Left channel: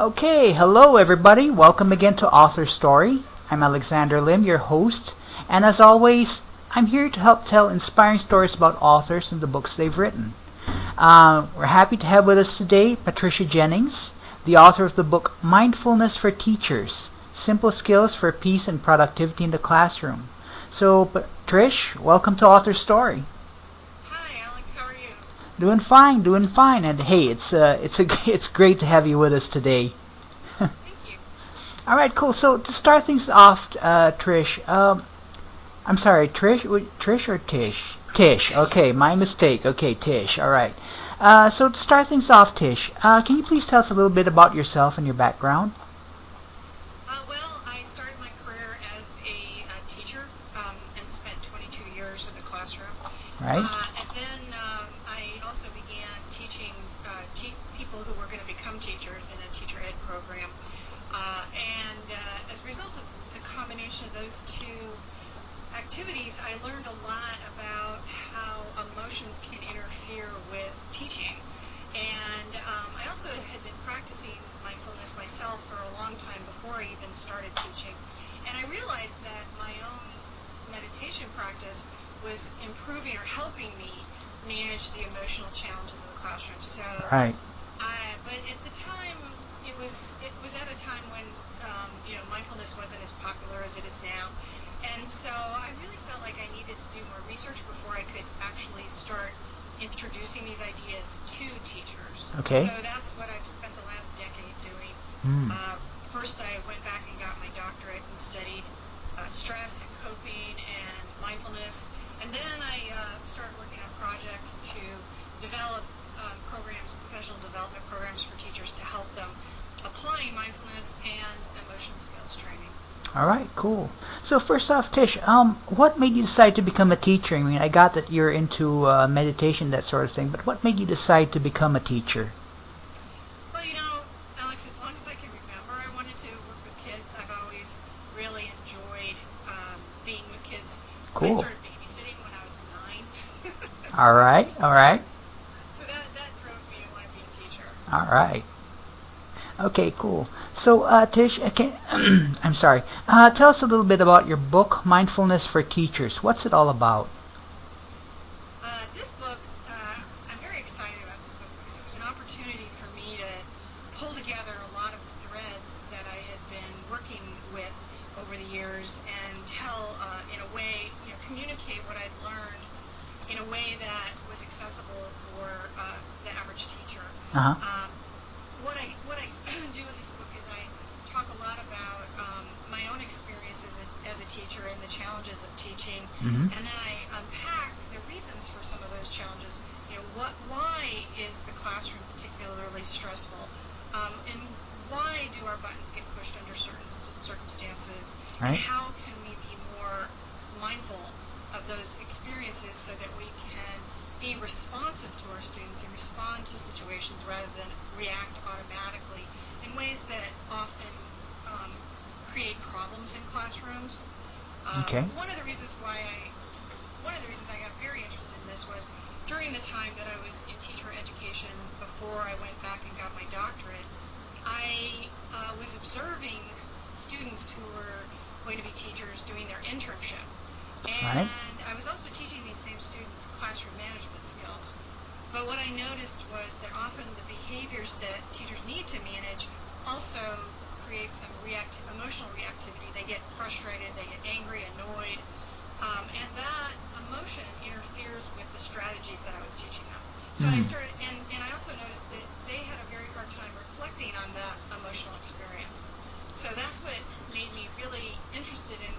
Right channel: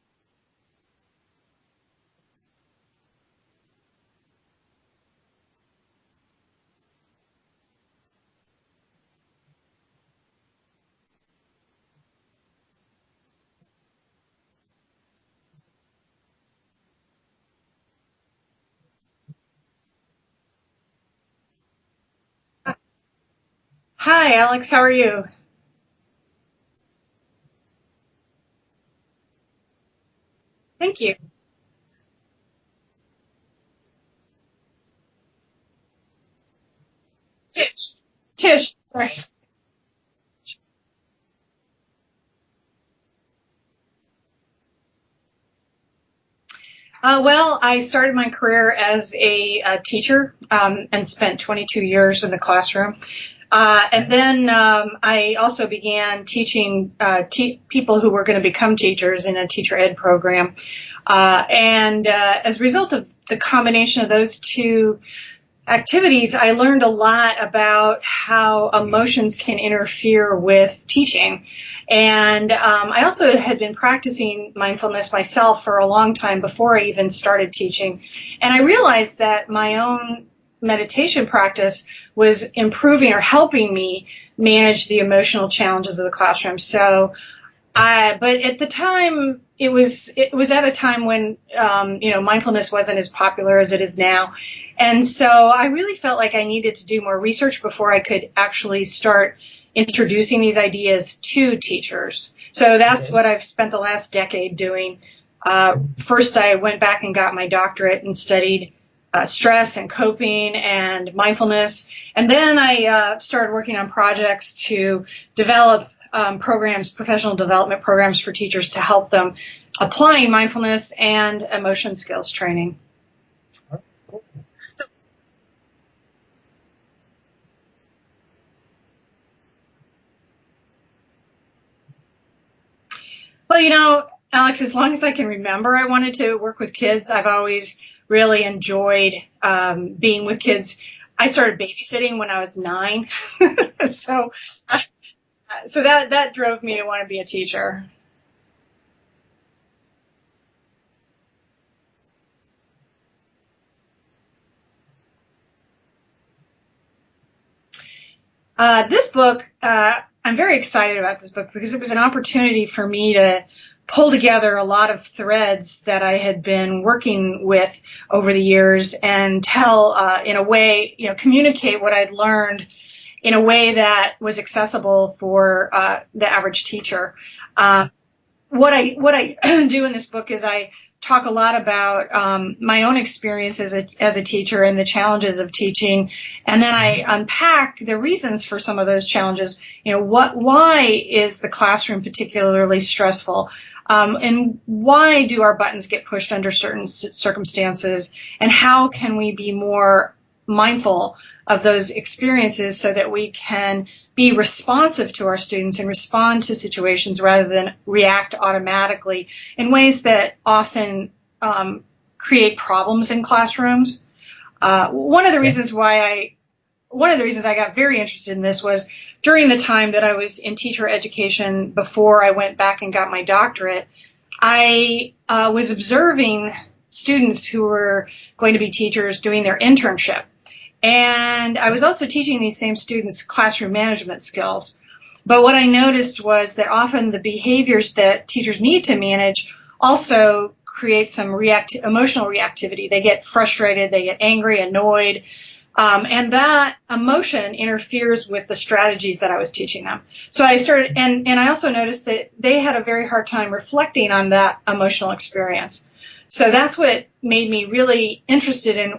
Okay, hello everybody. Welcome again to AuthorStory. I'm Alexander Lim, your host, and as always, I'm here to help tell inspiring stories about authors and the books they've written. We're happy to have with us today Patricia Jennings, the author of the book Mindfulness for Teachers, Simple Skills for Peace and Productivity in the Classroom. So, Trish, welcome to AuthorStory. Hi, Alex. How are you? Doing fine, doing fine. And hey, it's great to have you with us today. Thank you. All right, cool. So to start things off, Trish, I'm sorry, Trish or Tish? Tish. Tish. Okay, my mistake. Okay, Tish. All right. So to start things off, Tish, can you please tell us a little bit about yourself and your background? Well, I started my career as a teacher and spent 22 years in the classroom. Right. And then I also began teaching people who were going to become teachers in a teacher ed program. And as a result of the combination of those two activities, I learned a lot about how emotions can interfere with teaching. And I also had been practicing mindfulness myself for a long time before I even started teaching. And I realized that my own meditation practice was improving or helping me manage the emotional challenges of the classroom. So, Right. but at the time, it was at a time when mindfulness wasn't as popular as it is now. And so I really felt like I needed to do more research before I could actually start introducing these ideas to teachers. Okay. So that's what I've spent the last decade doing. First, I went back and got my doctorate and studied stress and coping and mindfulness. And then I started working on projects to develop professional development programs for teachers to help them applying mindfulness and emotion skills training. All right, cool. So first off, Tish, what made you decide to become a teacher? I mean, I got that you're into meditation, that sort of thing, but what made you decide to become a teacher? Well, Alex, as long as I can remember, I wanted to work with kids. I've always really enjoyed being with kids. Cool. I started babysitting when I was 9. So, all right. So that drove me to want to be a teacher. All right. Okay, cool. So, Tish, I'm sorry. Tell us a little bit about your book, Mindfulness for Teachers. What's it all about? This book, I'm very excited about this book because it was an opportunity for me to pull together a lot of threads that I had been working with over the years and tell, in a way, communicate what I'd learned in a way that was accessible for the average teacher. Uh-huh. What I do in this book is I talk a lot about my own experience as a teacher and the challenges of teaching, and then I unpack the reasons for some of those challenges. Why is the classroom particularly stressful, and why do our buttons get pushed under certain circumstances, and how can we be more mindful of those experiences so that we can be responsive to our students and respond to situations rather than react automatically in ways that often create problems in classrooms. One of the reasons I got very interested in this was during the time that I was in teacher education before I went back and got my doctorate. I was observing students who were going to be teachers doing their internship. And I was also teaching these same students classroom management skills. But what I noticed was that often the behaviors that teachers need to manage also create some emotional reactivity. They get frustrated, they get angry, annoyed, and that emotion interferes with the strategies that I was teaching them. So I started, and I also noticed that they had a very hard time reflecting on that emotional experience. So that's what made me really interested in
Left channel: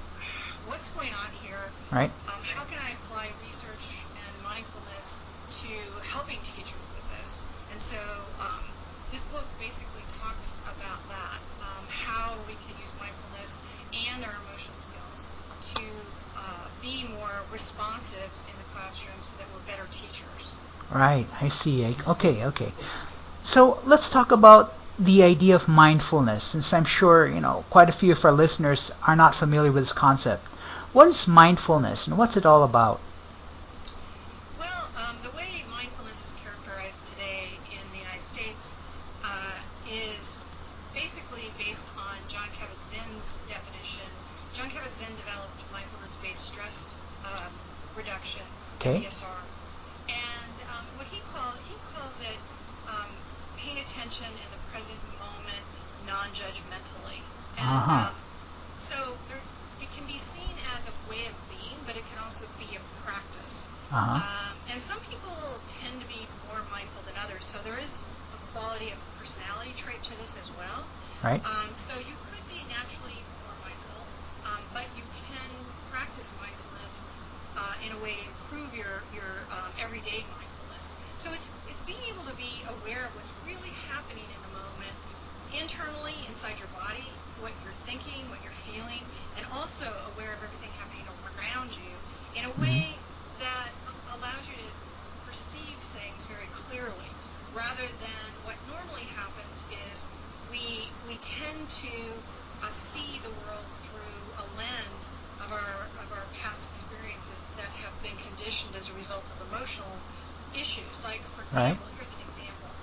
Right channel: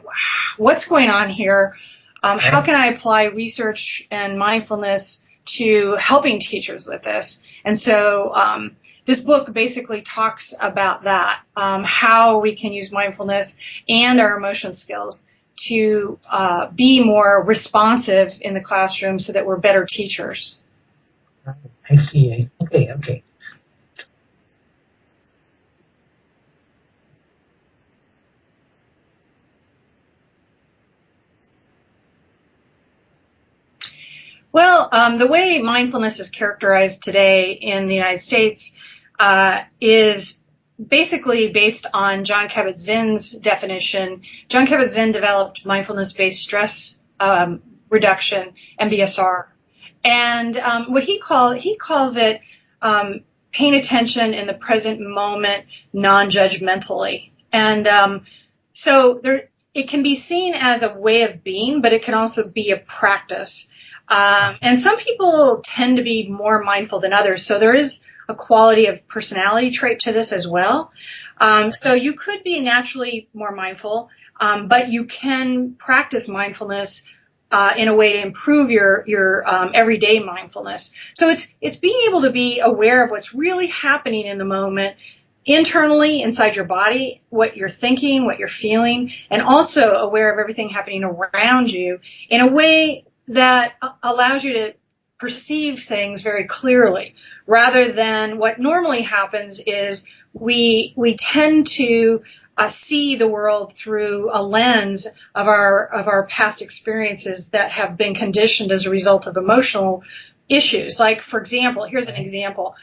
what's going on here. Right. How can I apply research and mindfulness to helping teachers with this? And so this book basically talks about that, how we can use mindfulness and our emotion skills to be more responsive in the classroom so that we're better teachers. Right, I see. Okay. So let's talk about the idea of mindfulness, since I'm sure, quite a few of our listeners are not familiar with this concept. What is mindfulness and what's it all about? Well, the way mindfulness is characterized today in the United States is basically based on Jon Kabat-Zinn's definition. Jon Kabat-Zinn developed mindfulness-based stress reduction, MBSR, and what he calls it paying attention in the present moment, non-judgmentally, and so it can be seen as a way of being, but it can also be a practice. And some people tend to be more mindful than others, so there is a quality of personality trait to this as well. Right. So you could be naturally more mindful, but you can practice mindfulness in a way to improve your everyday mindfulness. So it's being able to be aware of what's really happening in the moment, internally inside your body, what you're thinking, what you're feeling, and also aware of everything happening around you in a way that allows you to perceive things very clearly, rather than what normally happens is we tend to see the world through a lens of our past experiences that have been conditioned as a result of emotional issues. Like, for example, here's an example.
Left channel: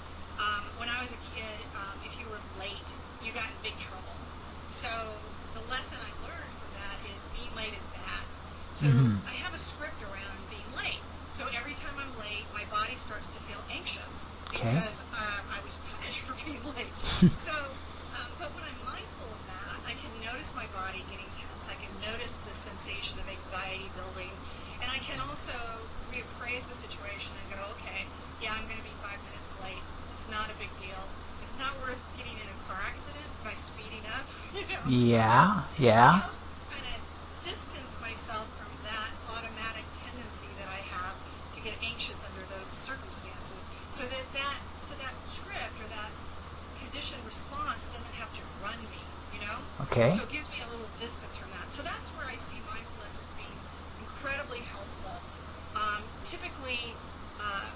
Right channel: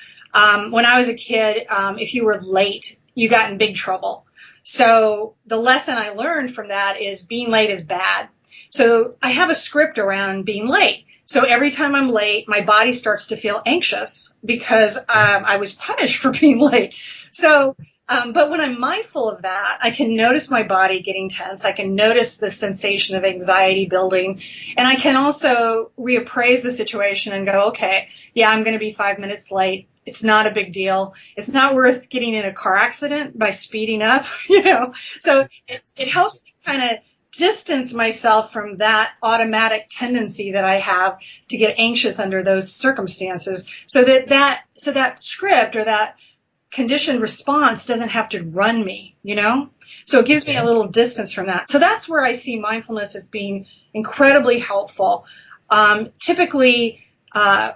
When I was a kid, if you were late, you got in big trouble. So the lesson I learned from that is being late is bad. So I have a script around being late. So every time I'm late, my body starts to feel anxious because I was punished for being late. So, but when I'm mindful of that, I can notice my body getting tense. I can notice the sensation of anxiety building. And I can also reappraise the situation and go, okay, yeah, I'm going to be 5 minutes late. It's not a big deal. It's not worth getting in a car accident by speeding up, you know. So it helps me kind of distance myself from that automatic tendency that I have to get anxious under those circumstances, so that script or that conditioned response doesn't have to run me, you know. So it gives me a little distance from that. So that's where I see mindfulness as being incredibly helpful. Typically,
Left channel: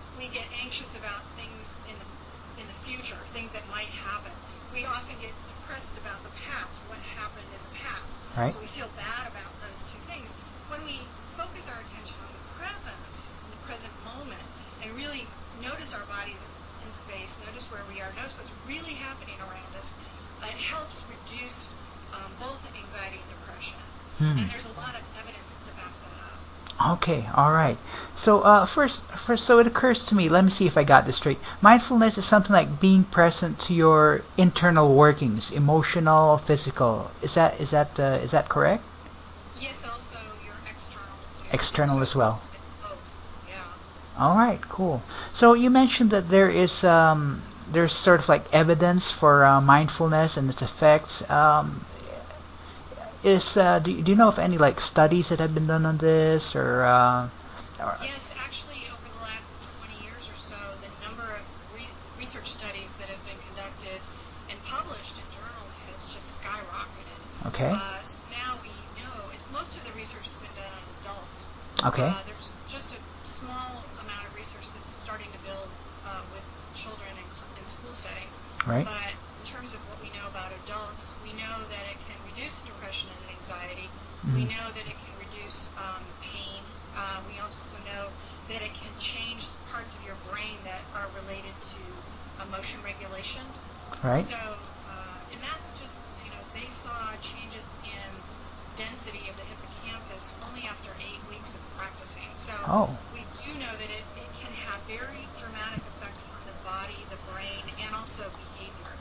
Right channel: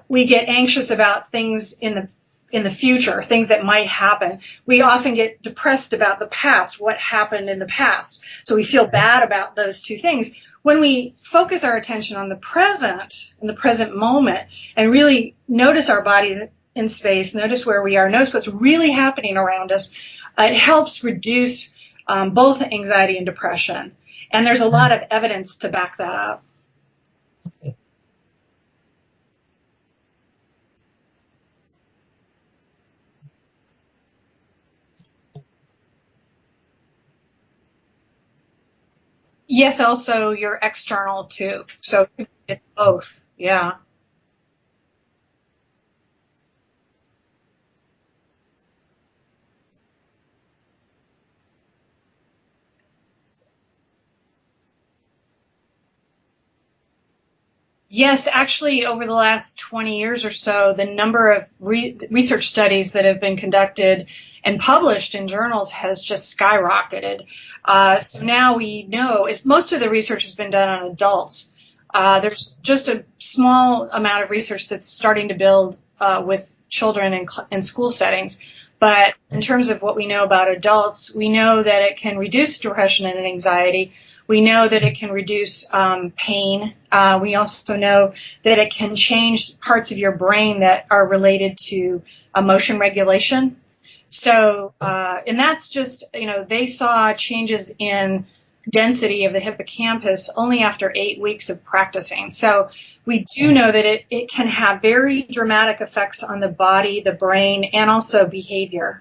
we get anxious about things in the future, things that might happen. We often get depressed about the past, what happened in the past. So we feel bad about those two things. When we focus our attention on the present, in the present moment, and really notice our bodies in space, notice where we are, notice what's really happening around us, it helps reduce both anxiety and depression. And there's a lot of evidence to back that up. Okay, all right. So first, so it occurs to me. Let me see if I got this straight. Mindfulness is something like being present to your internal workings, emotional, physical. Is that correct? Yes. Also, your external too. External as well. It's both. Yeah. All right. Cool. So you mentioned that there's sort of like evidence for mindfulness and its effects. Do you know of any like studies that have been done on this or? Yes, actually, over the last 20 years or so, the number of research studies that have been conducted and published in journals has just skyrocketed. So now we know most of the research has been done on adults. There's just a small amount of research that's starting to build with children in school settings. But in terms of what we know about adults, we know that it can reduce depression and anxiety. We know that it can reduce pain. We also know that it can change parts of your brain that are related to emotion regulation. So, and that's just, they saw changes in density of the hippocampus only after 8 weeks of practicing. So we do know that it can have very dramatic effects on the body, the brain, and also behavior.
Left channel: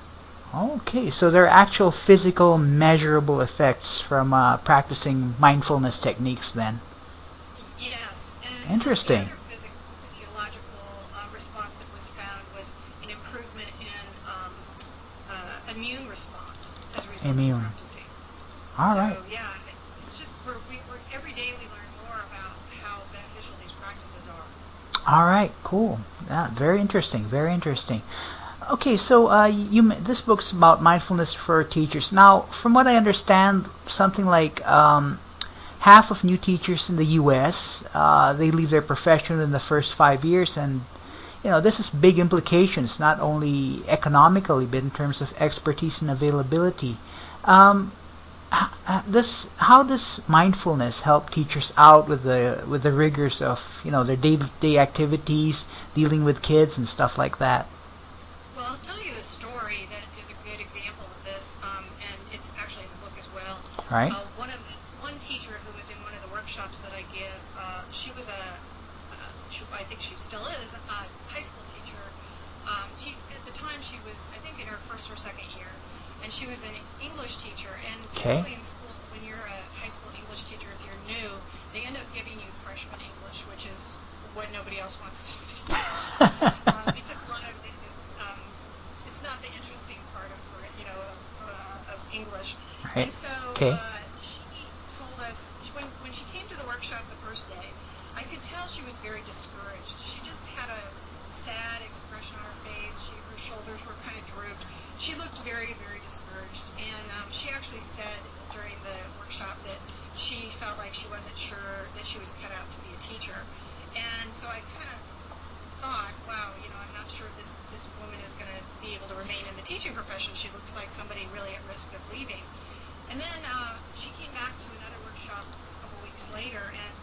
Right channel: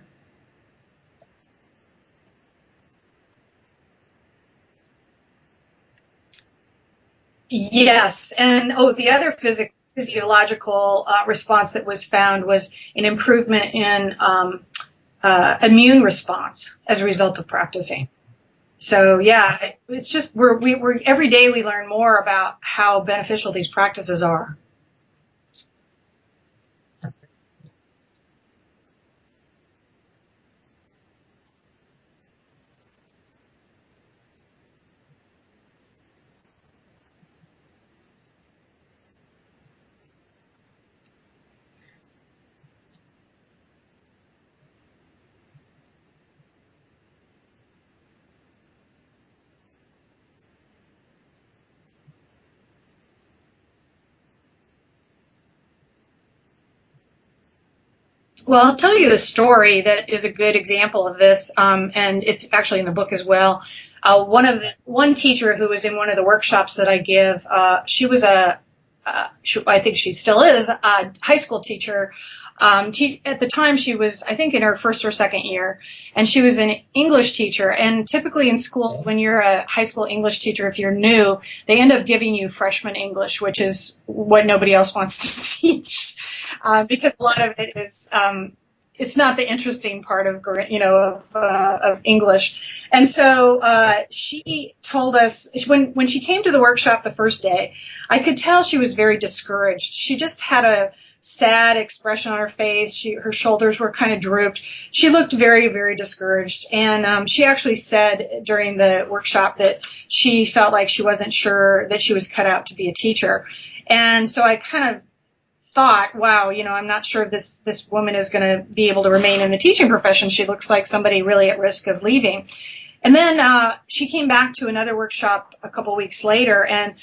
Okay, so there are actual physical, measurable effects from practicing mindfulness techniques then. Yes, and the other physiological response that was found was an improvement in immune response as a result of practicing. So yeah, it's just we're every day we learn more about how beneficial these practices are. All right, cool. Yeah, very interesting. Very interesting. Okay, so this book's about mindfulness for teachers. Now, from what I understand, something like half of new teachers in the U.S. They leave their profession in the first 5 years, and this has big implications, not only economically but in terms of expertise and availability. How does mindfulness help teachers out with the rigors of their day-to-day activities, dealing with kids and stuff like that? Well, I'll tell you a story that is a good example of this, and it's actually in the book as well. Right. One teacher who was in one of the workshops that I give, she was I think she still is, a high school teacher. At the time, she was, I think, in her first or second year, and she was an English teacher. And typically in schools, when you're a high school English teacher, if you're new, they end up giving you freshman English, which is what nobody else wants to teach, because a lot of it is, it's not the interesting part of English. And so she told us, when she came to the workshop the first day, I could tell she was very discouraged. She just had a sad expression on her face. Her shoulders were kind of drooped. She looked very, very discouraged. And she actually said during the workshop that she felt like she wasn't sure that she was cut out to be a teacher. And so I kind of thought, wow, I'm not sure if this woman is going to be able to remain in the teaching profession. She looks like somebody really at risk of leaving. And then she came back to another workshop a couple weeks later, and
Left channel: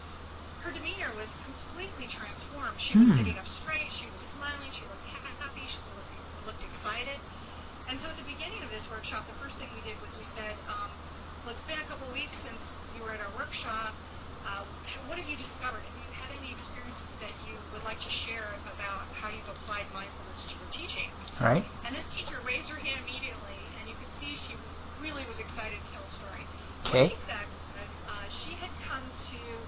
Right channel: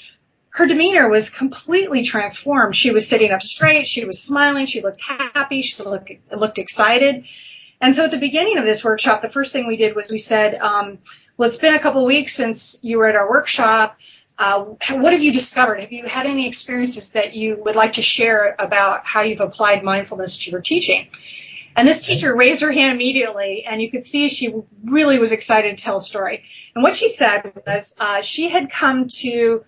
her demeanor was completely transformed. She was sitting up straight. She was smiling. She looked happy. She looked excited. And so at the beginning of this workshop, the first thing we did was we said, well, it's been a couple weeks since you were at our workshop. What have you discovered? Have you had any experiences that you would like to share about how you've applied mindfulness to your teaching? Right. And this teacher raised her hand immediately, and you could see she really was excited to tell a story. And what she said was she had come to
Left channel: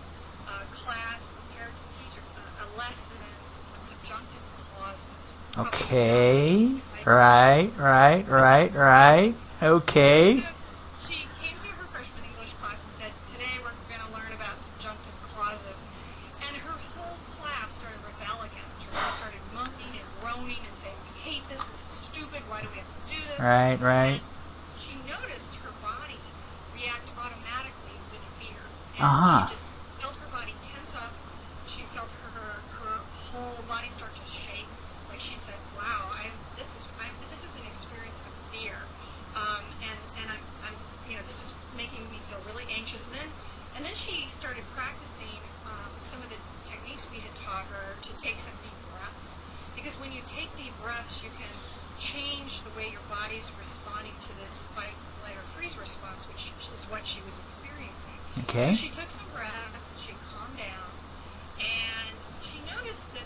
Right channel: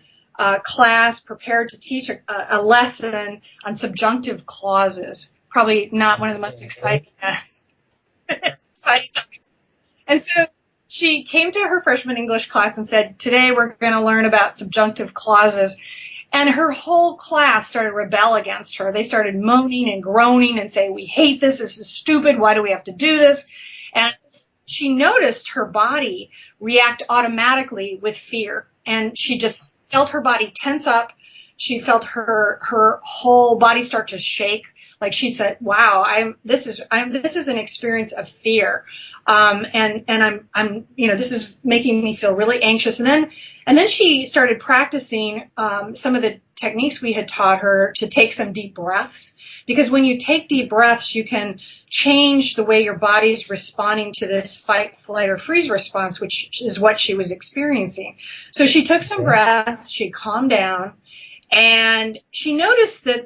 class prepared to teach a lesson on subjunctive clauses. Probably not one of the most exciting. Right. Okay. And so she came to her freshman English class and said, today we're going to learn about subjunctive clauses. And her whole class started to rebel against her. They started moaning and groaning and saying, we hate this. This is stupid. Why do we have to do this? Right. And she noticed her body react automatically with fear. And she just felt her body tense up. She felt her whole body start to shake. Like she said, "Wow, this is an experience of fear, and I'm this is making me feel really anxious." And then she started practicing some of the techniques we had taught her to take some deep breaths, because when you take deep breaths, you can change the way your body's responding to this fight, flight, or freeze response, which is what she was experiencing. Okay. So she took some breaths, she calmed down, and she noticed that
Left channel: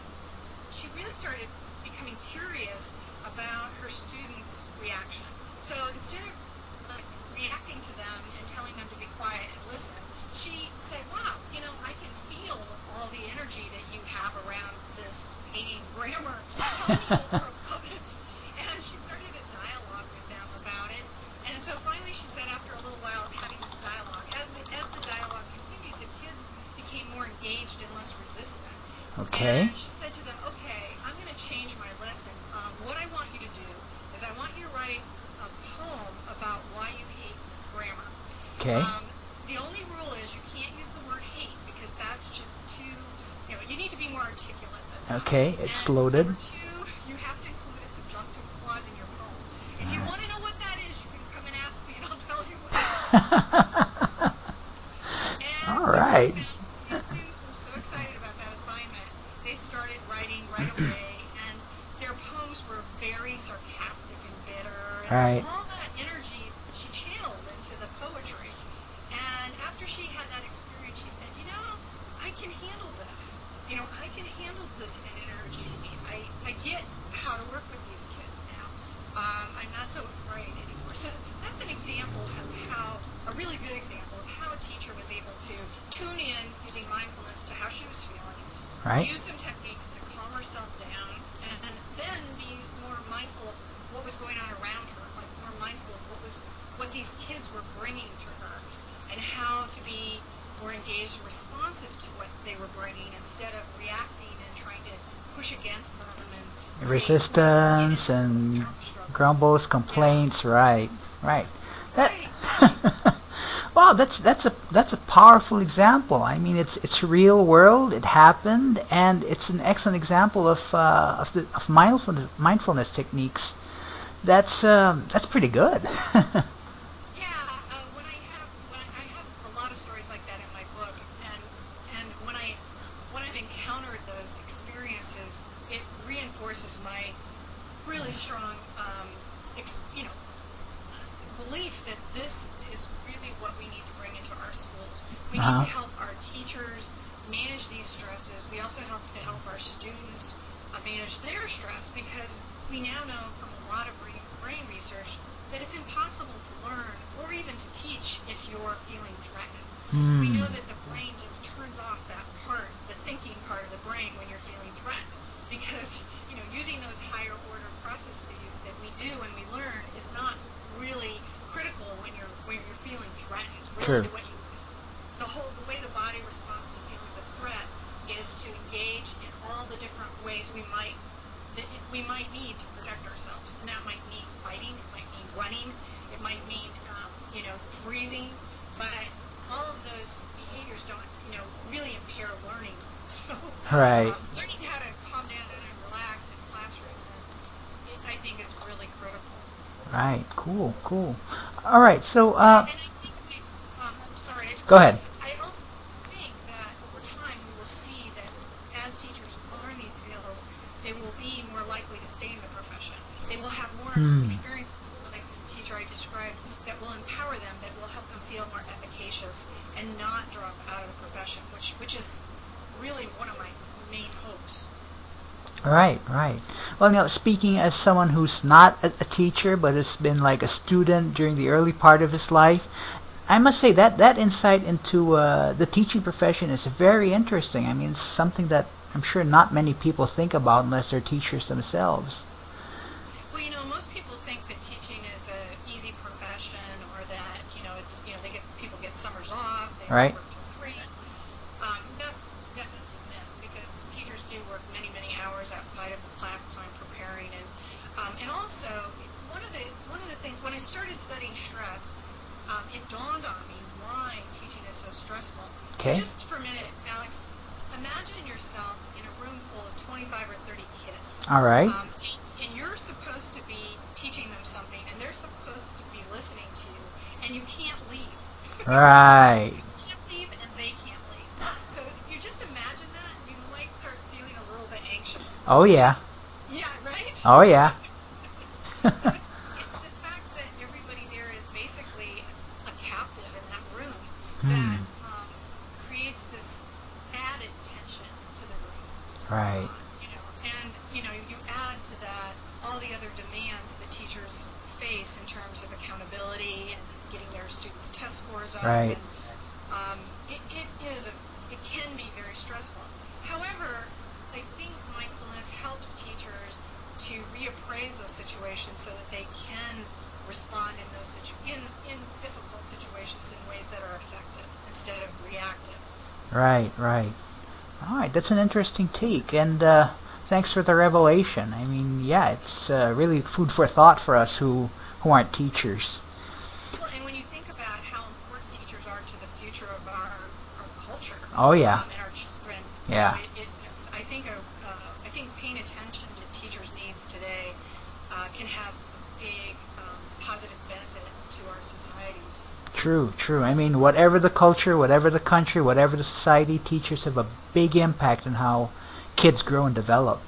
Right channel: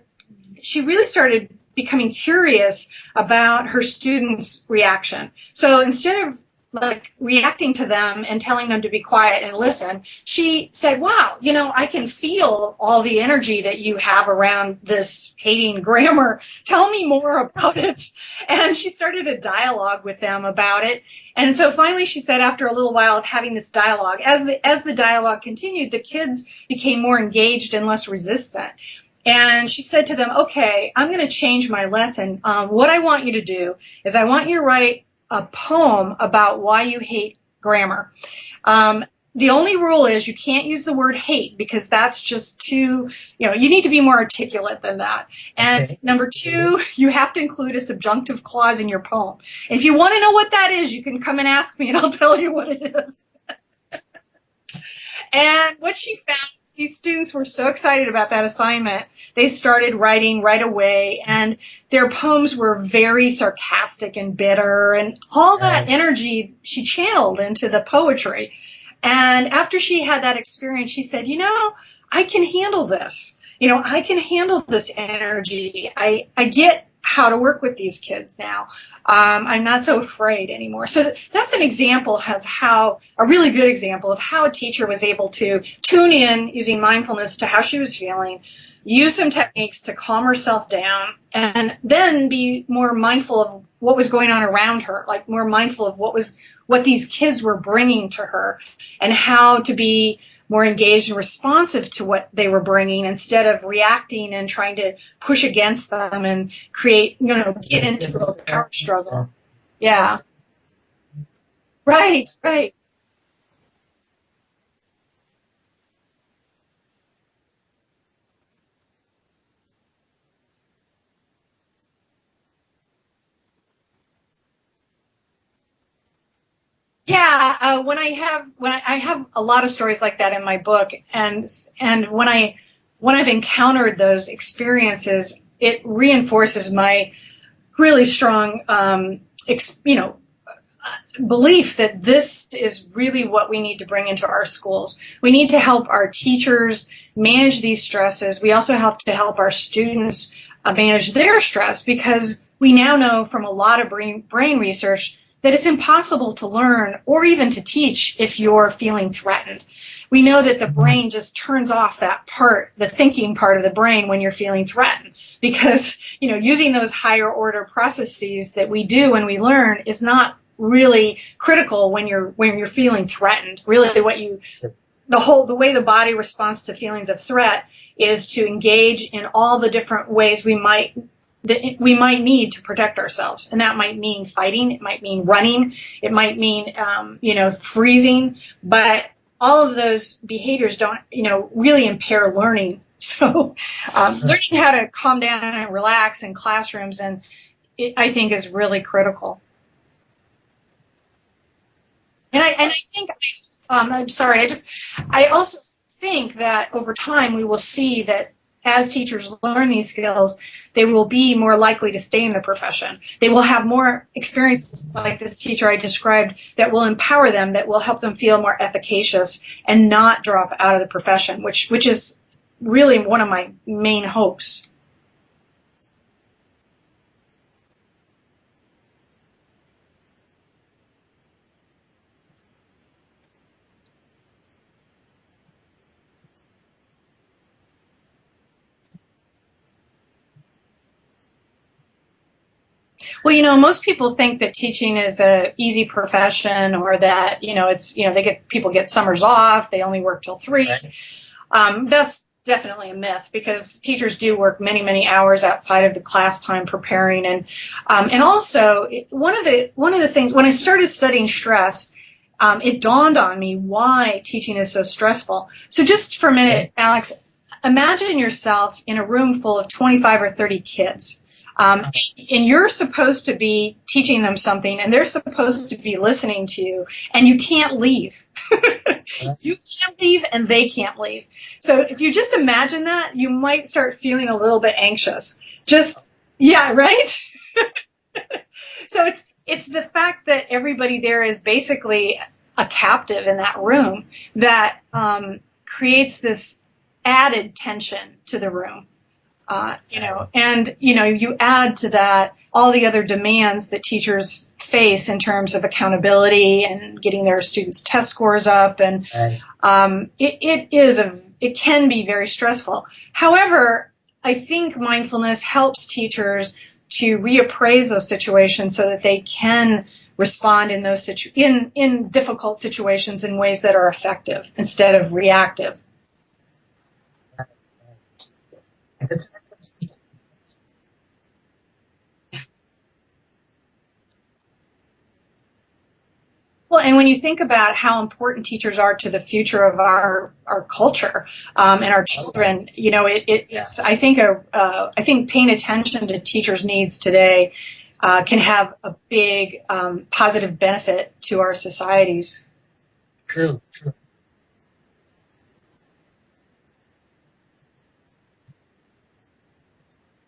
she really started becoming curious about her students' reaction. So instead of reacting to them and telling them to be quiet and listen, she said, wow, I can feel all the energy that you have around this hating grammar. Tell me more about it. And she started a dialogue with them about it. And so finally she said, after a little while of having this dialogue, as the dialogue continued, the kids became more engaged and less resistant. Okay. And she said to them, okay, I'm going to change my lesson. What I want you to do is I want you to write a poem about why you hate grammar. Okay. The only rule is you can't use the word hate, because that's just too, you need to be more articulate than that. Okay. And number two, you have to include a subjunctive clause in your poem. If you want to know what that is, you can come and ask me and I'll tell you what it is. And what she found, these students were so excited about that assignment, they started writing right away, and their poems were very sarcastic and bitter, and all that energy she channeled into the poetry. And after she had that experience, she said, I can handle this. I can handle this energy. I get how to work with these kids now. I'm not so afraid anymore. So that's an example of a really good example of how a teacher was able to tune in using mindfulness to how she was feeling, use some techniques to calm herself down, and then be more mindful of what was going on around her, like more mindful of what these kids were bringing to her, and how to be more engaged and responsive to what they were bringing, instead of reacting and trying to push against them and create, get into the power struggle. Grumbles, complaints, Right. Well, that's a powerful example. I mean, it's real world. It happened, and it's an excellent example of mindfulness techniques. That's pretty good. Yeah, when I have a lot of stories like that in my book, and when I've encountered those experiences, it reinforces my really strong, belief that this is really what we need to bring into our schools. We need to help our teachers manage these stresses. We also have to help our students manage their stress, because we now know from a lot of brain research that it's impossible to learn or even to teach if you're feeling threatened. We know that the brain just turns off that part, the thinking part of the brain, when you're feeling threatened, because using those higher order processes that we do when we learn is not really critical when you're feeling threatened. Really, the way the body responds to feelings of threat is to engage in all the different ways we might need to protect ourselves, and that might mean fighting, it might mean running, it might mean freezing, but all of those behaviors don't really impair learning. So learning how to calm down and relax in classrooms, and I think is really critical. Right. Cool. All right. So I think I'm sorry. Go ahead. I also think that over time we will see that as teachers learn these skills, they will be more likely to stay in the profession. They will have more experiences like this teacher I described that will empower them, that will help them feel more efficacious and not drop out of the profession, which is really one of my main hopes. Right. Well, speaking as someone who's not a teacher but has been like a student during the early part of his life, I must say that insight into the teaching profession is very interesting. I mean, it's something that I'm sure not many people think about unless they're teachers themselves. Well, most people think that teaching is a easy profession, or that people get summers off, they only work till 3. That's definitely a myth, because teachers do work many, many hours outside of the class time preparing, and also one of the things when I started studying stress, it dawned on me why teaching is so stressful. So just for a minute, Alex, imagine yourself in a room full of 25 or 30 kids. All right. And you're supposed to be teaching them something, and they're supposed to be listening to you, and you can't leave. Right. You can't leave, and they can't leave. So if you just imagine that, you might start feeling a little bit anxious. Oh, yeah. Yeah, right? Oh, yeah. So it's the fact that everybody there is basically a captive in that room that creates this added tension to the room. Right. You add to that all the other demands that teachers face in terms of accountability and getting their students' test scores up, and it can be very stressful. However, I think mindfulness helps teachers to reappraise those situations so that they can respond in those in difficult situations in ways that are effective instead of reactive. Right. All right, that's an interesting take, and thanks for the revelation. I mean, yeah, it's really food for thought for us who aren't teachers. Well, and when you think about how important teachers are to the future of our culture and our children, it's I think paying attention to teachers' needs today can have a big positive benefit to our societies. True. I mean, whatever the culture, whatever the country, whatever the society, teachers have a big impact on how kids grow and develop.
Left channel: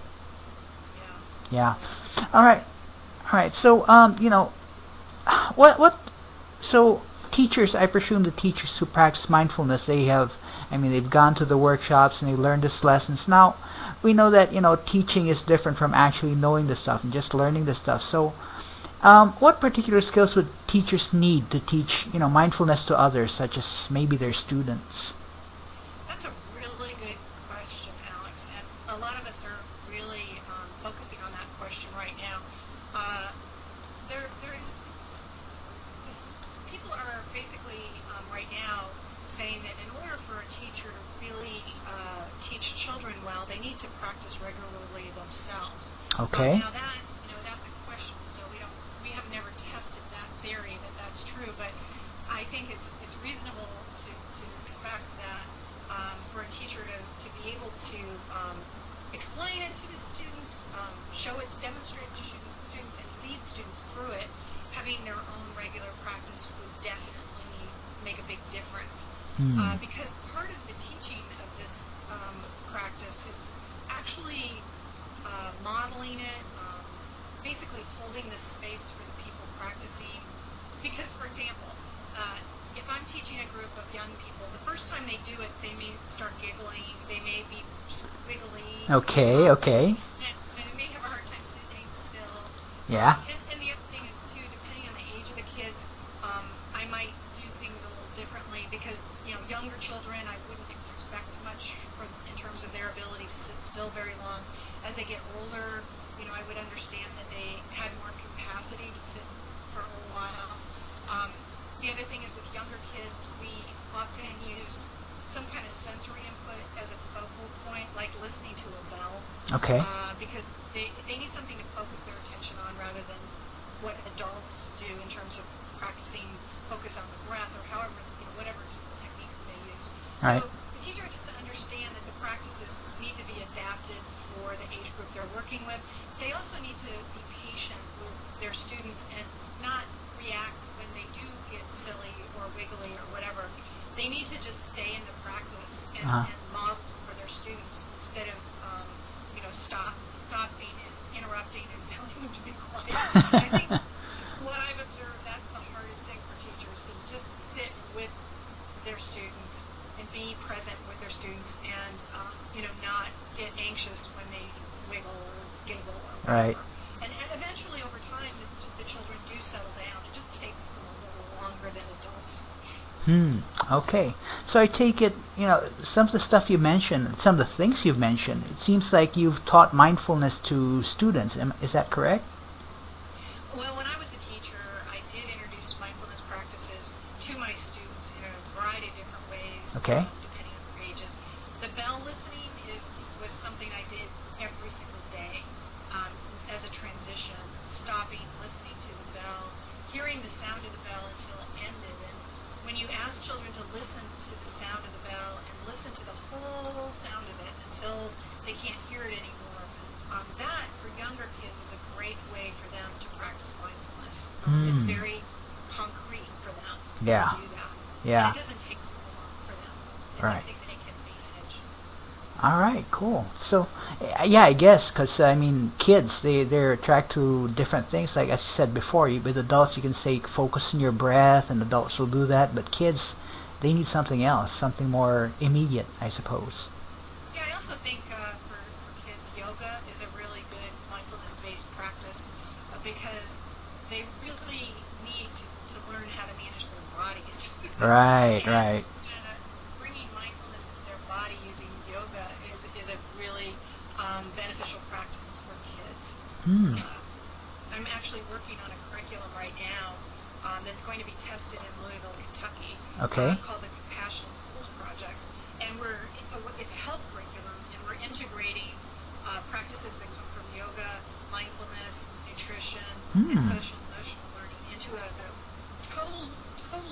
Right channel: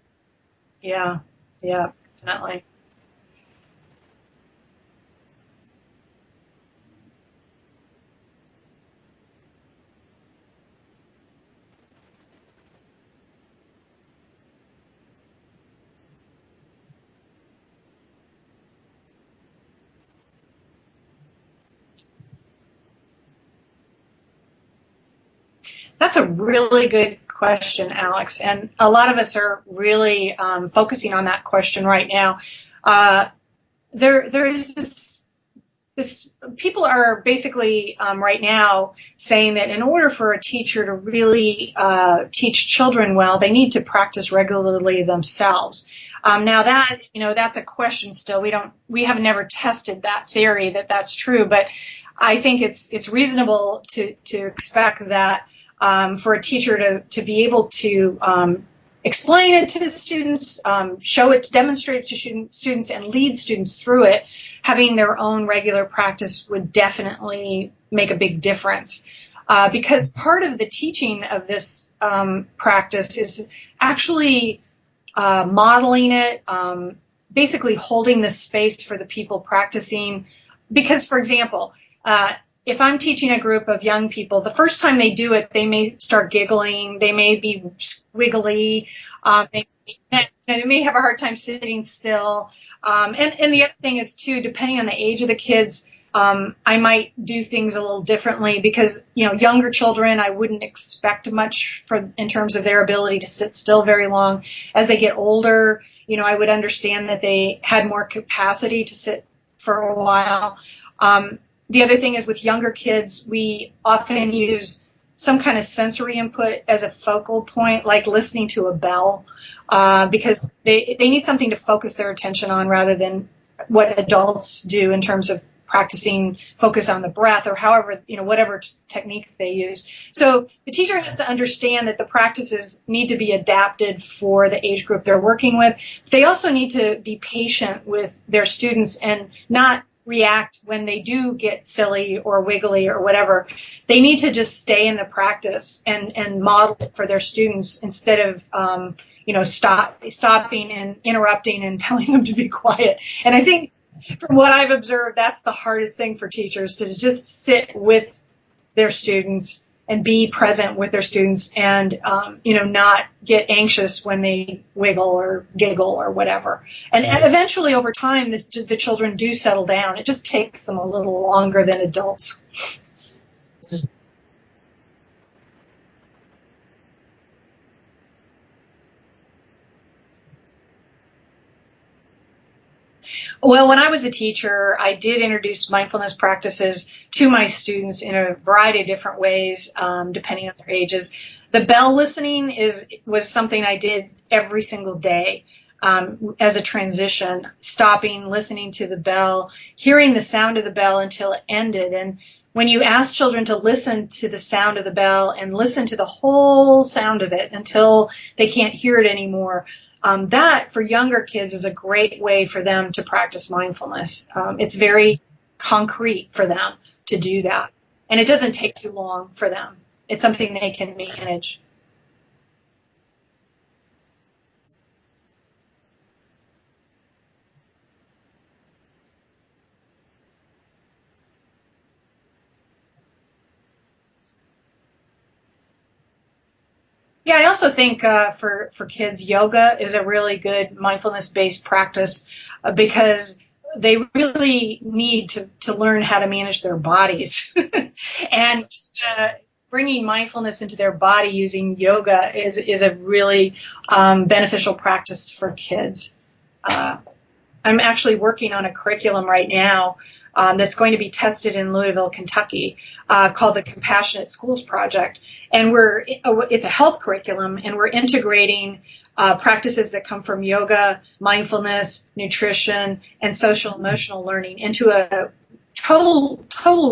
Yeah. All right. So, so teachers, I presume the teachers who practice mindfulness, they've gone to the workshops and they learned these lessons. Now, we know that, teaching is different from actually knowing the stuff and just learning the stuff. So, what particular skills would teachers need to teach, mindfulness to others, such as maybe their students? That's a really good question, Alex, and a lot of us are really focusing on that question right now. There is this. People are basically right now saying that in order for a teacher to really teach children well, they need to practice regularly themselves. Okay. Now that's a question still. We have never tested that theory that that's true, but I think it's reasonable to expect that for a teacher to be able to explain it to the students, show it, demonstrate it to students, and lead students through it, having their own regular practice would definitely make a big difference. Because part of the teaching of this practice is actually modeling it, basically holding the space for the people practicing. Because, for example, if I'm teaching a group of young people, the first time they do it, they may start giggling, they may be wiggly. Okay. They may have a hard time sitting still. And the other thing is, too, depending on the age of the kids, I might do things a little differently because, younger children, I wouldn't expect much in terms of their ability to sit still very long. As they get older, I would understand that they had more capacity to sit for a while. The other thing is with younger kids, we often use some kind of sensory input as a focal point, like listening to a bell, because they need something to focus their attention on rather than what adults do in terms of practicing focus on the breath or however, whatever technique they use. So the teacher has to understand that the practices need to be adapted for the age group they're working with. They also need to be patient with their students and not react when they do get silly or wiggly or whatever. They need to just stay in the practice and model it for their students instead of stopping and interrupting and telling them to be quiet. And I think from what I've observed, that's the hardest thing for teachers, to just sit with their students and be present with their students and not get anxious when they wiggle or giggle or whatever. Right. And eventually over time the children do settle down. It just takes them a little longer than adults. Okay. So I take it, some of the stuff you mentioned, some of the things you've mentioned, it seems like you've taught mindfulness to students. Is that correct? Well, when I was a teacher, I did introduce mindfulness practices to my students in a variety of different ways, depending on their ages. The bell listening was something I did every single day as a transition, stopping, listening to the bell, hearing the sound of the bell until it ended. And when you ask children to listen to the sound of the bell and listen to the whole sound of it until they can't hear it anymore, that for younger kids is a great way for them to practice mindfulness. It's very concrete for them to do that. And it doesn't take too long for them. It's something they can manage. All right, cool. So, I guess, because, kids, they're attracted to different things. Like, as you said before, with adults, you can say, focus on your breath, and adults will do that. But kids, they need something else, something more immediate, I suppose. Yeah, I also think for kids, yoga is a really good mindfulness-based practice because they really need to learn how to manage their bodies. And bringing mindfulness into their body using yoga is a really beneficial practice for kids. I'm actually working on a curriculum right now that's going to be tested in Louisville, Kentucky, called the Compassionate Schools Project. And it's a health curriculum, and we're integrating practices that come from yoga, mindfulness, nutrition, and social emotional learning into a total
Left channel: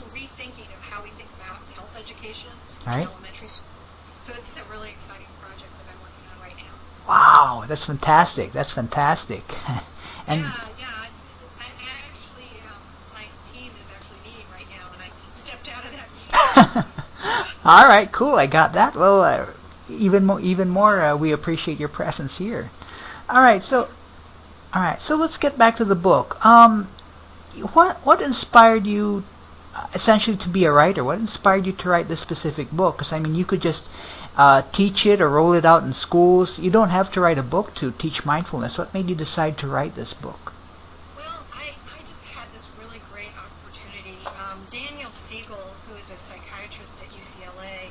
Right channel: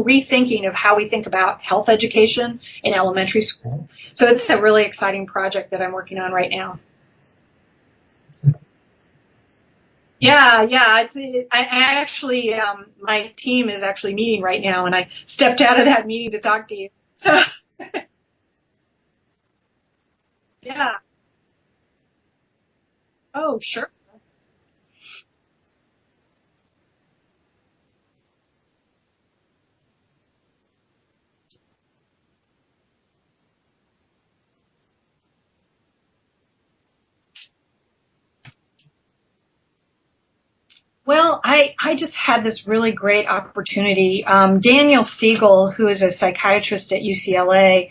rethinking of how we think about health education in elementary school. So it's a really exciting project that I'm working on right now. Wow, that's fantastic. I actually, my team is actually meeting right now, and I stepped out of that meeting to talk to you. So. All right, cool. I got that. Well, even more, we appreciate your presence here. All right, so let's get back to the book. What inspired you, essentially, to be a writer? What inspired you to write this specific book? Because you could just teach it or roll it out in schools. You don't have to write a book to teach mindfulness. What made you decide to write this book? Well, I just had this really great opportunity. Daniel Siegel, who is a psychiatrist at UCLA,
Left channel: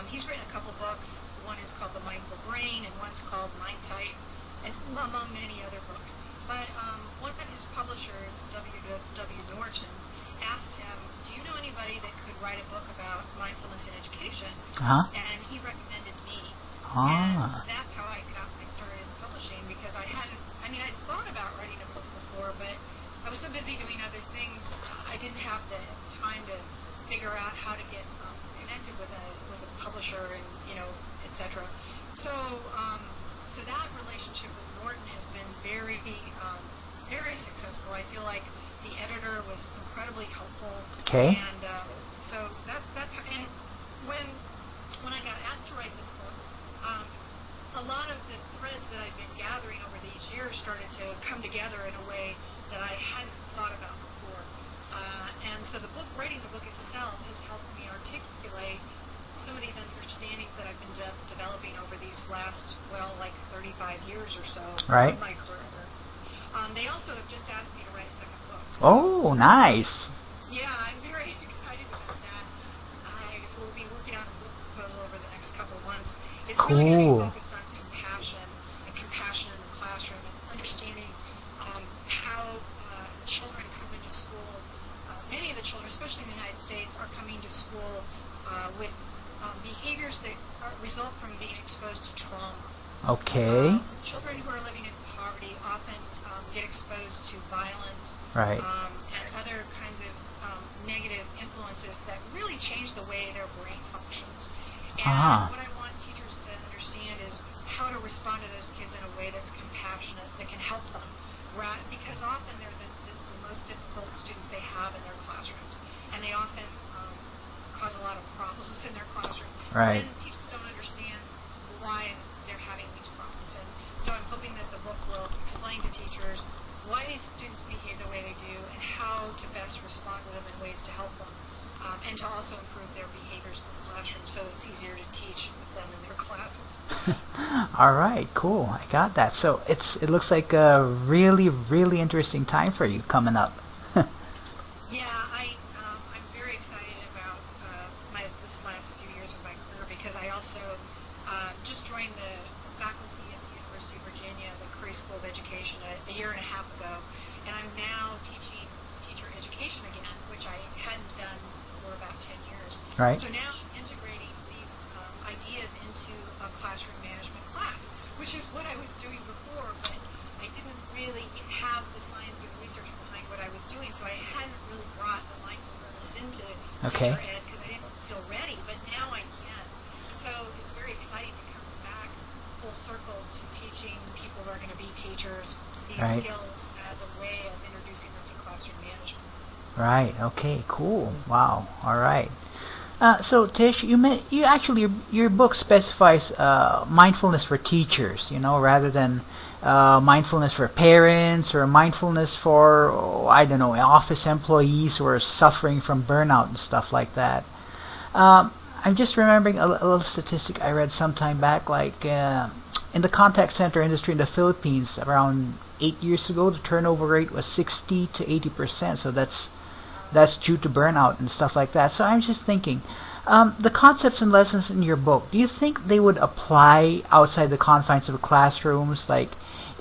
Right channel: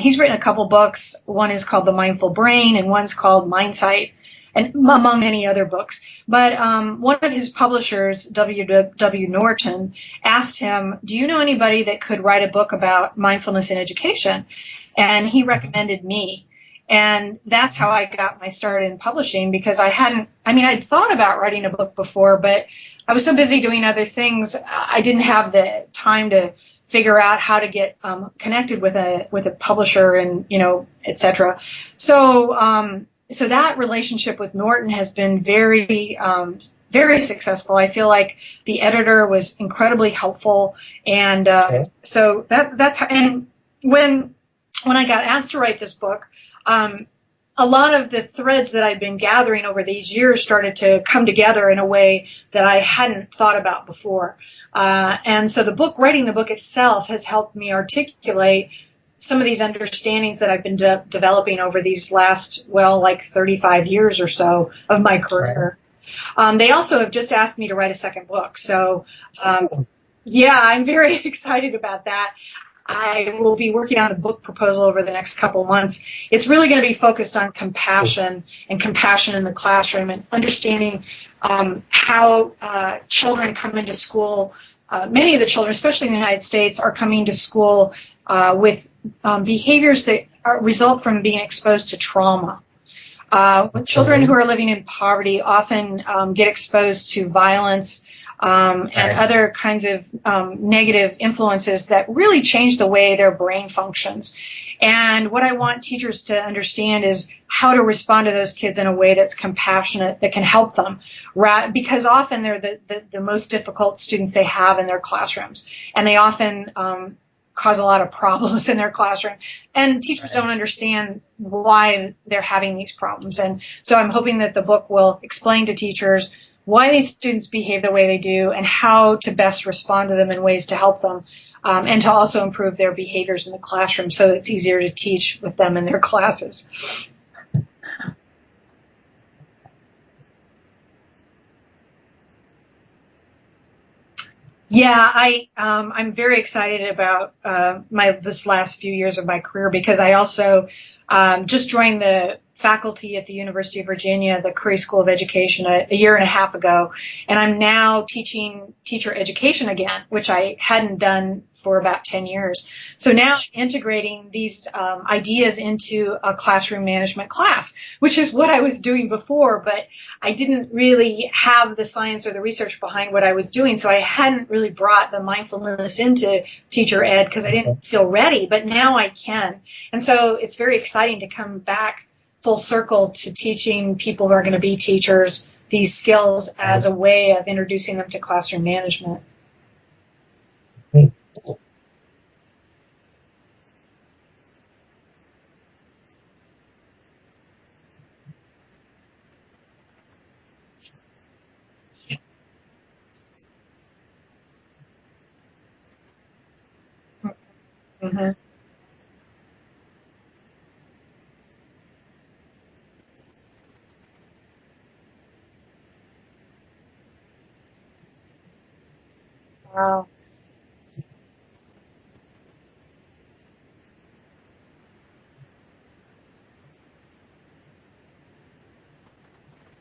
he's written a couple books. One is called The Mindful Brain, and one's called Mindsight, and among many other books. But one of his publishers, W.W. Norton, asked him, do you know anybody that could write a book about mindfulness in education? And he recommended me. And that's how I got my start in publishing, because I'd thought about writing a book before, but I was so busy doing other things, I didn't have the time to figure out how to get connected with a publisher and, et cetera. So that relationship with Norton has been very, very successful. I feel like the editor was incredibly helpful. And so that's how, and when I got asked to write this book, a lot of the threads that I've been gathering over these years started to come together in a way that I hadn't thought about before. And so writing the book itself has helped me articulate some of these understandings that I've been developing over these last, like 35 years or so of my career. They also have just asked me to write a second book. So, nice. Yeah, I'm very excited about that. I will be working on a book proposal over the next couple of months. It's really going to be focused on compassion and compassion in the classroom and understanding how children come into school. Many of the children, especially in the United States, are coming to school with behaviors that result from being exposed to trauma. Children who are living in poverty often get exposed to violence and other kinds of negative influences that really change the way their brain functions. And what I want teachers to understand is how to respond to those kids in a way that's compassionate, that can help them. Because often they're the most difficult students they have in their classrooms, and they often cause a lot of problems in their classroom. And teachers don't understand why they're having these problems. And so I'm hoping that the book will explain to teachers why these students behave the way they do and how to best respond to them in ways to help them and to also improve their behaviors in the classroom so that it's easier to teach with them in their classes. All right, cool. I got that. So it looks like a really, really interesting time for you coming up. Yeah, I'm very excited about this last few years of my career because I also just joined the faculty at the University of Virginia, the Curry School of Education, a year and a half ago, and I'm now teaching teacher education again, which I hadn't done for about 10 years. So now integrating these ideas into a classroom management class, which is what I was doing before, but I didn't really have the science or the research behind what I was doing, so I hadn't really brought the mindfulness into teacher ed because I didn't feel ready, but now I can. And so it's very exciting to come back full circle to teaching people who are going to be teachers these skills as a way of introducing them to classroom management. Right. Okay. Cool. Wow. All right. So Tish, your book specifies mindfulness for teachers, rather than mindfulness for parents or mindfulness for office employees who are suffering from burnout and stuff like that. Mm-hmm. I'm just remembering a little statistic I read some time back, like in the contact center industry in the Philippines, around 8 years ago, the turnover rate was 60 to 80%. So that's due to burnout and stuff like that. So I'm just thinking, the concepts and lessons in your book, do you think they would apply outside the confines of classrooms, like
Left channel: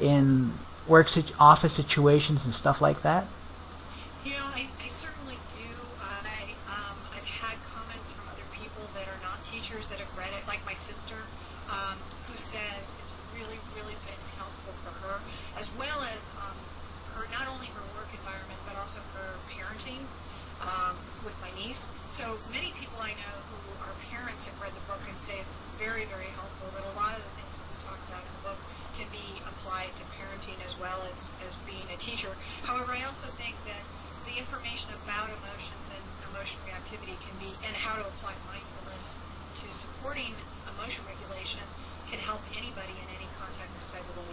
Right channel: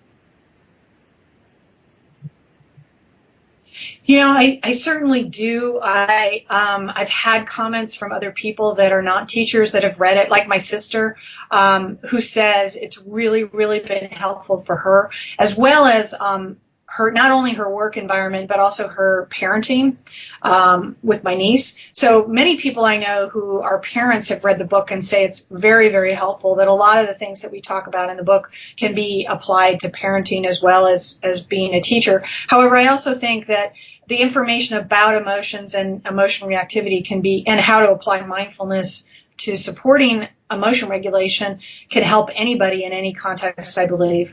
in office situations and stuff like that? I certainly do. I've had comments from other people that are not teachers that have read it, like my sister, who says it's really, really been helpful for her, as well as not only her work environment, but also her parenting with my niece. So many people I know who are parents have read the book and say it's very, very helpful, that a lot of the things that we talk about in the book can be applied to parenting as well as being a teacher. However, I also think that the information about emotions and emotional reactivity and how to apply mindfulness to supporting emotion regulation can help anybody in any context, I believe.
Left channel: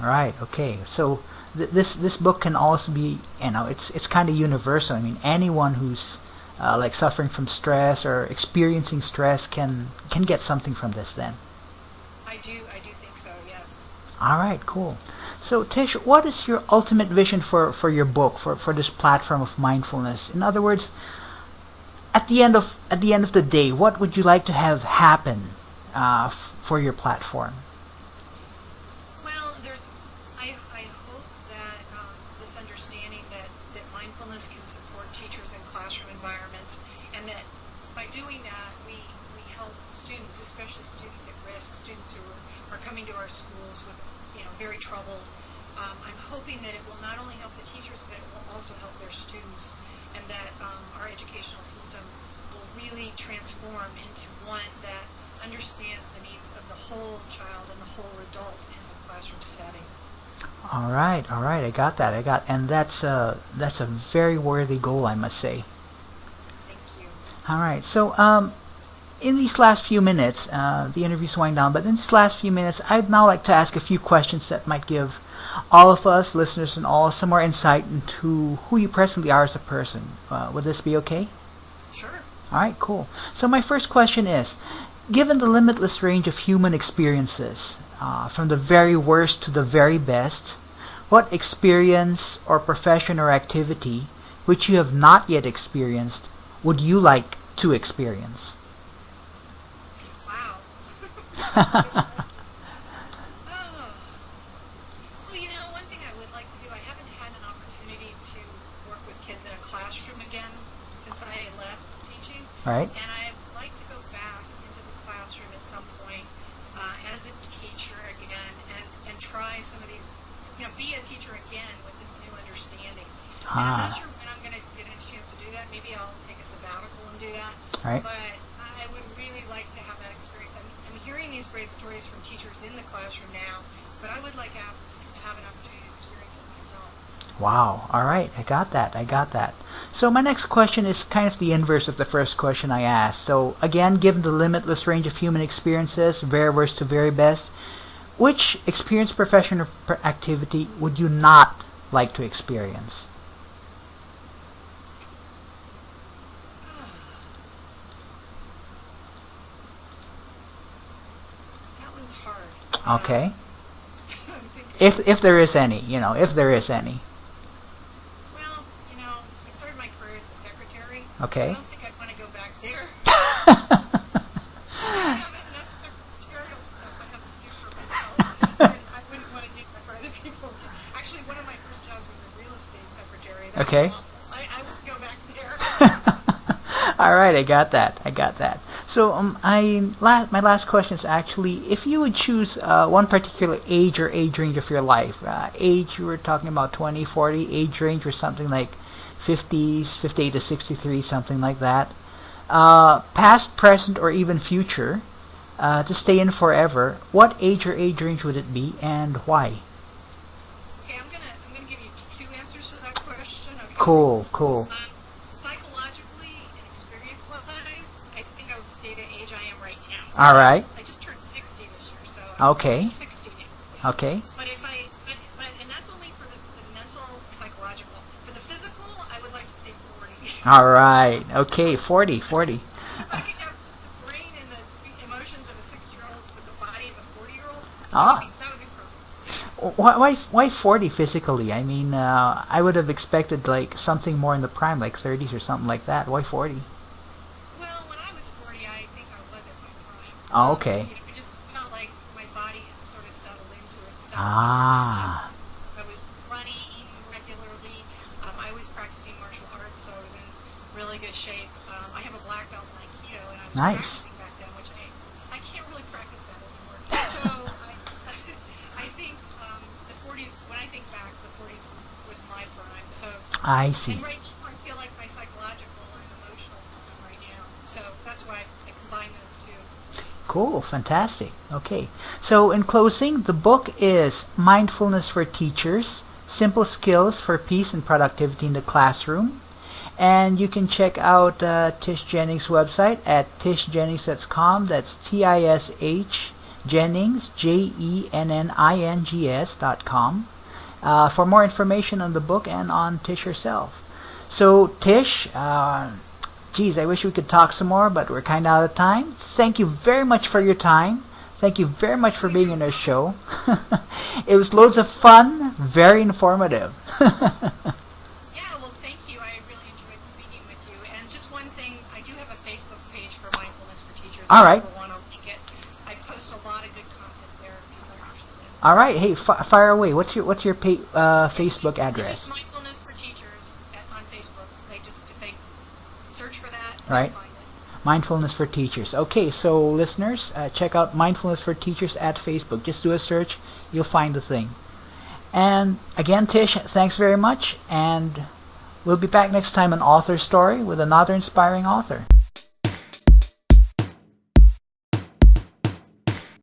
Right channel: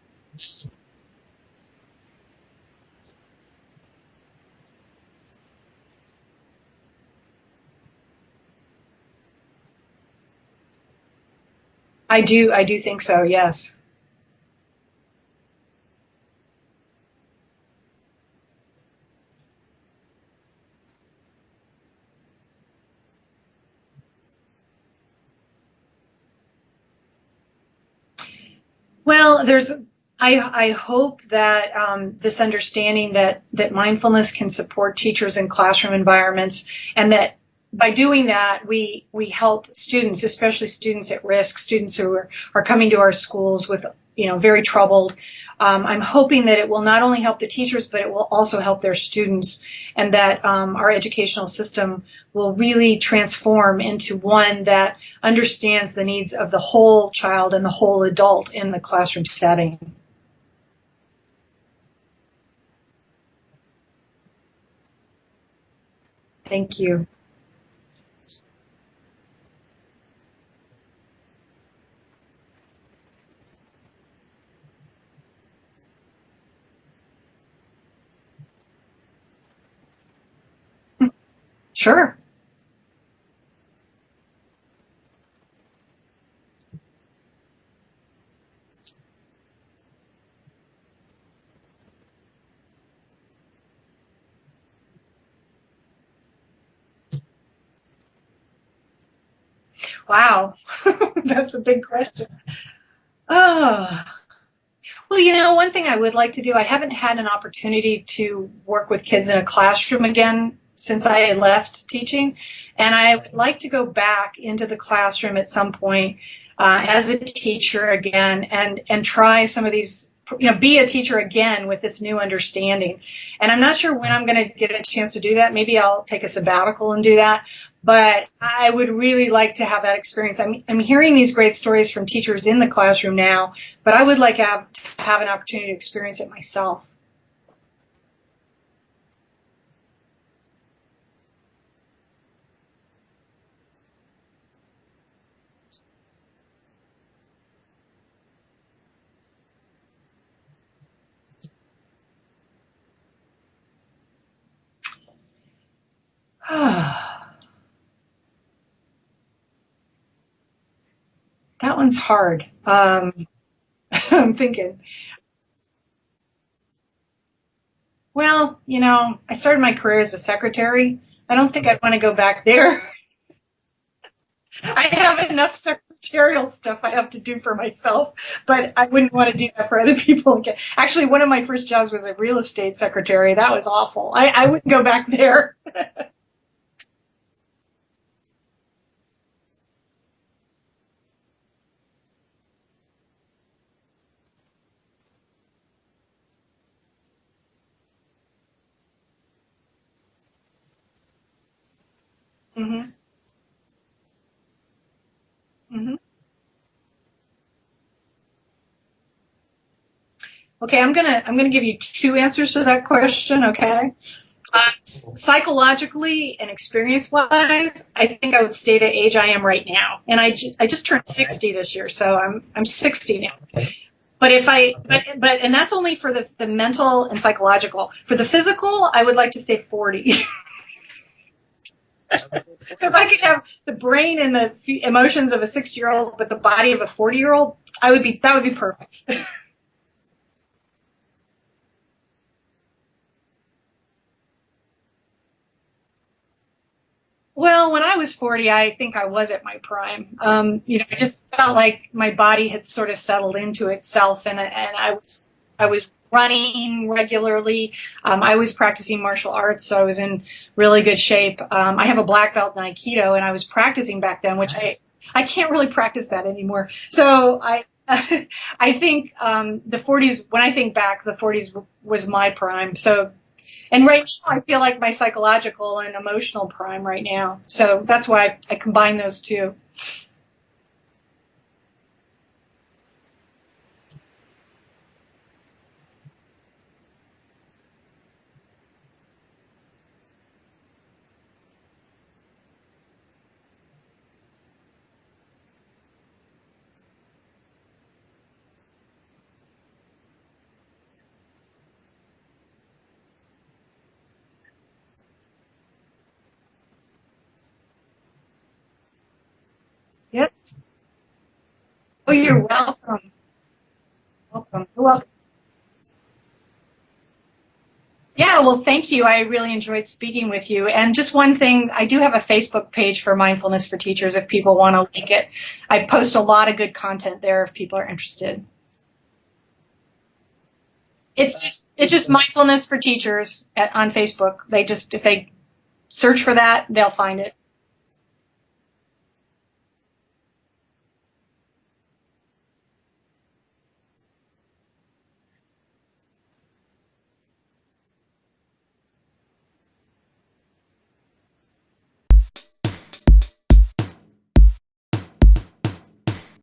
Right. Okay. So this book can also be, it's kind of universal. I mean, anyone who's like suffering from stress or experiencing stress can get something from this. Then. I do think so. Yes. All right. Cool. So Tish, what is your ultimate vision for your book, for this platform of mindfulness? In other words, at the end of the day, what would you like to have happen for your platform? Well, I hope that this understanding that mindfulness can support teachers in classroom environments, and that by doing that, we help students, especially students at risk, students who are coming to our schools with, very troubled. I'm hoping that it will not only help the teachers, but it will also help their students, and that our educational system will really transform into one that understands the needs of the whole child and the whole adult in the classroom setting. All right, I got that. And that's a very worthy goal, I must say. Thank you. All right, so in these last few minutes, the interview's winding down, but in these last few minutes, I'd now like to ask a few questions that might give all of us, listeners and all, some more insight into who you presently are as a person. Would this be okay? Sure. All right, cool. So my first question is, given the limitless range of human experiences, from the very worst to the very best, what experience or profession or activity which you have not yet experienced would you like to experience? Wow. That's a big question. Oh. Well, one thing I would like to do, I haven't had an opportunity to work with kids in a classroom again since I left teaching. Right. And I'd like to go back into the classroom at some point as a teacher again and try some of these, be a teacher again with this new understanding. And I'm not sure when I'm going to get a chance to do that. Maybe I'll take a sabbatical and do that. But I would really like to have that experience. I'm hearing these great stories from teachers in the classroom now, but I would like to have an opportunity to experience it myself. Wow. All right. I got that. So my next question is kind of the inverse of the first question I asked. So again, given the limitless range of human experiences, very worst to very best, which experience, profession, or activity would you not like to experience? That one's hard. Okay. I'm thinking. If there is any, if there is any. Well, I started my career as a secretary. Okay. I don't think I'd want to go back there. I have enough secretarial stuff I have to do for myself, but I wouldn't want to do that for other people. Actually, one of my first jobs was a real estate secretary. That was awful. I wouldn't go back there. All right, I got that. So my last question is actually, if you would choose one particular age or age range of your life, age you were talking about 20, 40, age range or something like 50s, 58 to 63, something like that, past, present, or even future, to stay in forever, what age or age range would it be and why? Okay, I'm gonna give you two answers to that question. Okay. Cool. Psychologically and experience-wise, I think I would stay the age I am right now. And I just turned 60 this year, so I'm 60 now. Okay. But and that's only for the mental and psychological. For the physical, I would like to stay 40. All right. Okay, 40. So if I could have the brain and the emotions of a 60-year-old but the body of a 40-year-old, that would be perfect. Why 40 physically? I mean, I would have expected like something more in the prime, like 30s or something like that. Why 40? Well, when I was 40, I think I was at my prime. Okay. I just felt like my body had sort of settled into itself, and I was running regularly. I was practicing martial arts, so I was in really good shape. I have a black belt in Aikido, and I was practicing back then, which I can't really practice that anymore. So I think the 40s, when I think back, the 40s was my prime. So, and right now I feel like my psychological and emotional prime right now. So that's why I combine those two. Cool, fantastic. Okay, so in closing, the book is Mindfulness for Teachers, Simple Skills for Peace and Productivity in the Classroom. And you can check out Tish Jennings' website at tishjennings.com. That's TISH Jennings, JENNINGS.com, for more information on the book and on Tish herself. So Tish, geez, I wish we could talk some more, but we're kind of out of time. Thank you very much for your time. Thank you very much for being on our show. It was loads of fun, very informative. Yeah, well, thank you. I really enjoyed speaking with you. And just one thing, I do have a Facebook page for Mindfulness for Teachers if people want to link it. I post a lot of good content there if people are interested. All right. Hey, fire away. What's your Facebook address? It's just Mindfulness for Teachers on Facebook. If they search for that, they'll find it. Mindfulness for Teachers. Okay, so listeners, check out Mindfulness for Teachers at Facebook. Just do a search. You'll find the thing. And again, Tish, thanks very much, and we'll be back next time on Author Story with another inspiring author.